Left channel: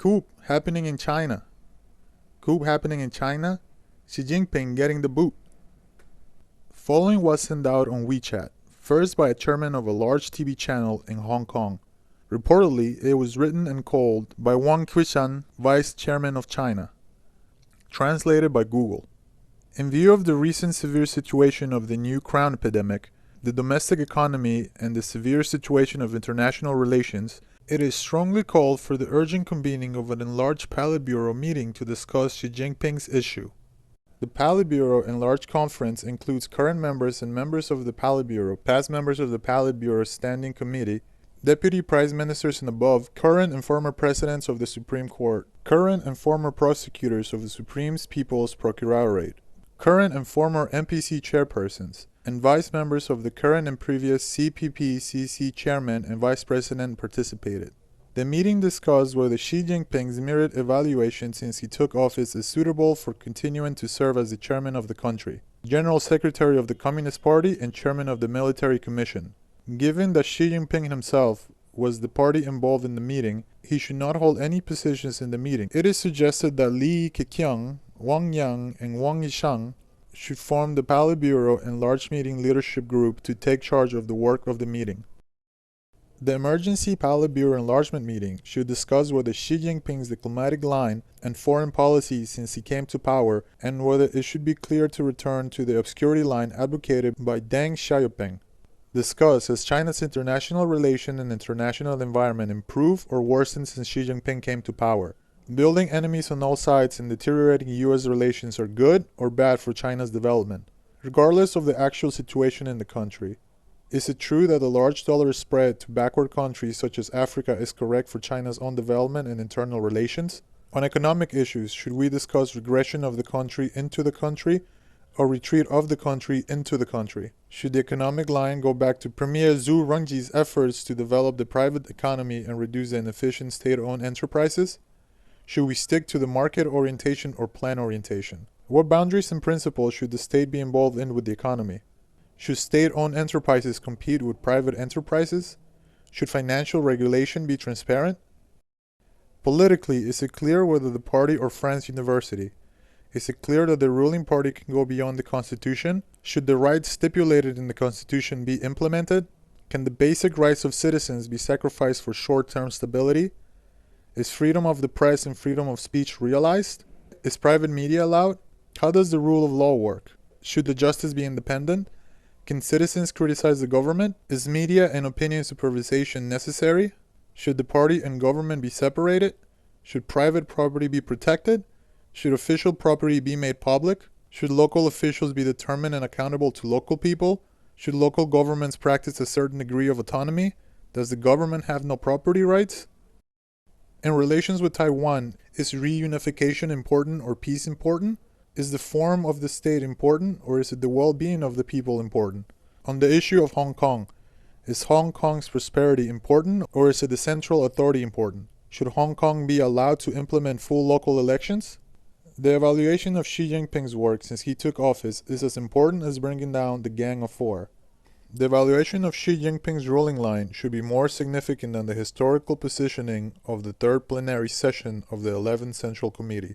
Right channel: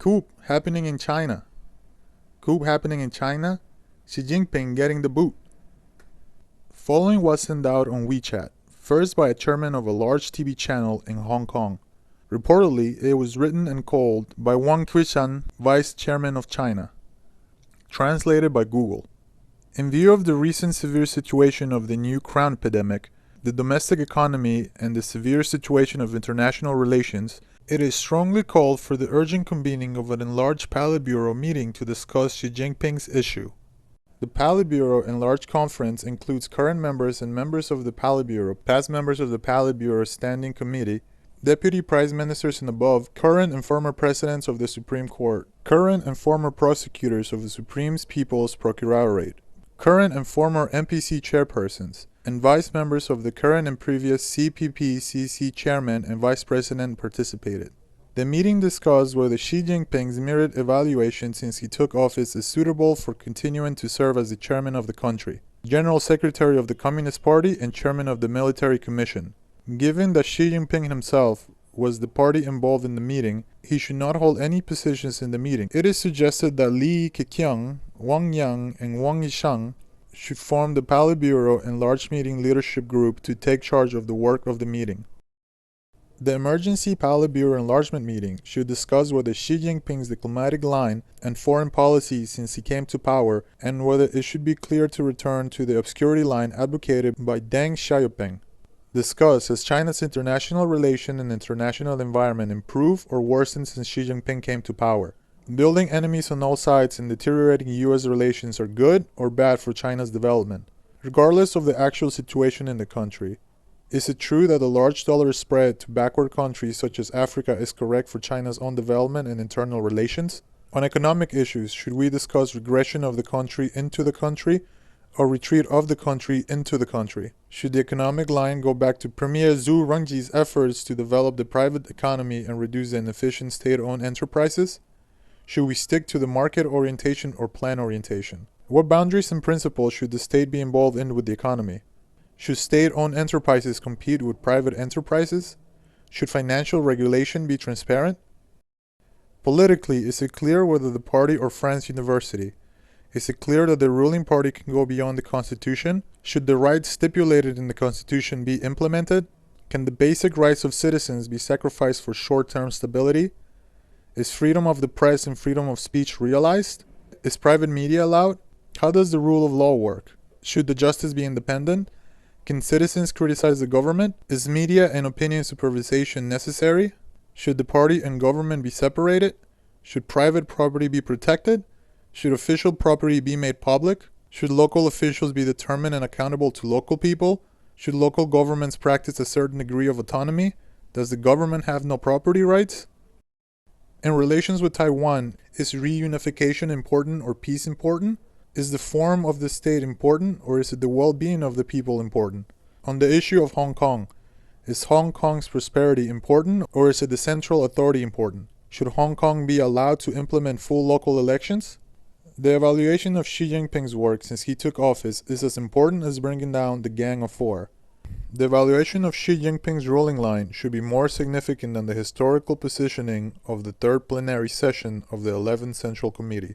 Coup happening in China. Coup happening in China. Xi Jinping getting the boot. Following was sent out on WeChat, first by a chairman of a large TV channel in Hong Kong. Reportedly, it was written and called by Wang Quishan, vice chairman of China. Translated by Google. In view of the recent severe situation of the new crown epidemic, the domestic economy, and the severe situation of international relations, it is strongly called for the urgent convening of an enlarged Politburo meeting to discuss Xi Jinping's issue. The Politburo Enlarged Conference includes current members and members of the Politburo, past members of the Politburo Standing Committee, deputy prime ministers and above, current and former presidents of the Supreme Court, current and former prosecutors of the Supreme People's Procuratorate, current and former MPC chairpersons, and vice members of the current and previous CPP-CC chairman and vice president participated. The meeting discussed whether Xi Jinping's merit evaluation since he took office is suitable for continuing to serve as the chairman of the country, general secretary of the Communist Party, and chairman of the Military Commission. Given that Xi Jinping himself was the party involved in the meeting, he should not hold any positions in the meeting. It is suggested that Li Keqiang, Wang Yang, and Wang Yishang should form the Politburo Enlarged Meeting Leadership Group to take charge of the work of the meeting. The emergency Politburo enlargement meeting should discuss whether Xi Jinping's diplomatic line and foreign policy since he came to power, and whether it should be clear to return to the obscurity line advocated by Deng Xiaoping. Discuss has China's international relation and international environment improved or worsened since Xi Jinping came to power. Building enemies on all sides and deteriorating U.S. relations are good or bad for China's development, regardless of the actual situation in the country. Is it true that the large dollar spread to backward countries such as Africa is correct for China's own development and internal relations? On economic issues, should we discuss regression of the country into the country, or retreat of the country into the country? Should the economic line go back to Premier Zhu Rongji's efforts to develop the private economy and reduce the inefficient state-owned enterprises? Should we stick to the market orientation or plan orientation? What boundaries and principles should the state be involved in with the economy? Should state-owned enterprises compete with private enterprises? Should financial regulation be transparent? Politically, is it clear whether the party or France University? Is it clear that the ruling party can go beyond the Constitution? Should the rights stipulated in the Constitution be implemented? Can the basic rights of citizens be sacrificed for short-term stability? Is freedom of the press and freedom of speech realized? Is private media allowed? How does the rule of law work? Should the justice be independent? Can citizens criticize the government? Is media and opinion supervision necessary? Should the party and government be separated? Should private property be protected? Should official property be made public? Should local officials be determined and accountable to local people? Should local governments practice a certain degree of autonomy? Does the government have no property rights? In relations with Taiwan, is reunification important or peace important? Is the form of the state important, or is it the well-being of the people important? On the issue of Hong Kong, is Hong Kong's prosperity important, or is it the central authority important? Should Hong Kong be allowed to implement full local elections? The evaluation of Xi Jinping's work since he took office is as important as bringing down the Gang of Four. The evaluation of Xi Jinping's ruling line should be more significant than the historical positioning of the third plenary session of the 11th Central Committee.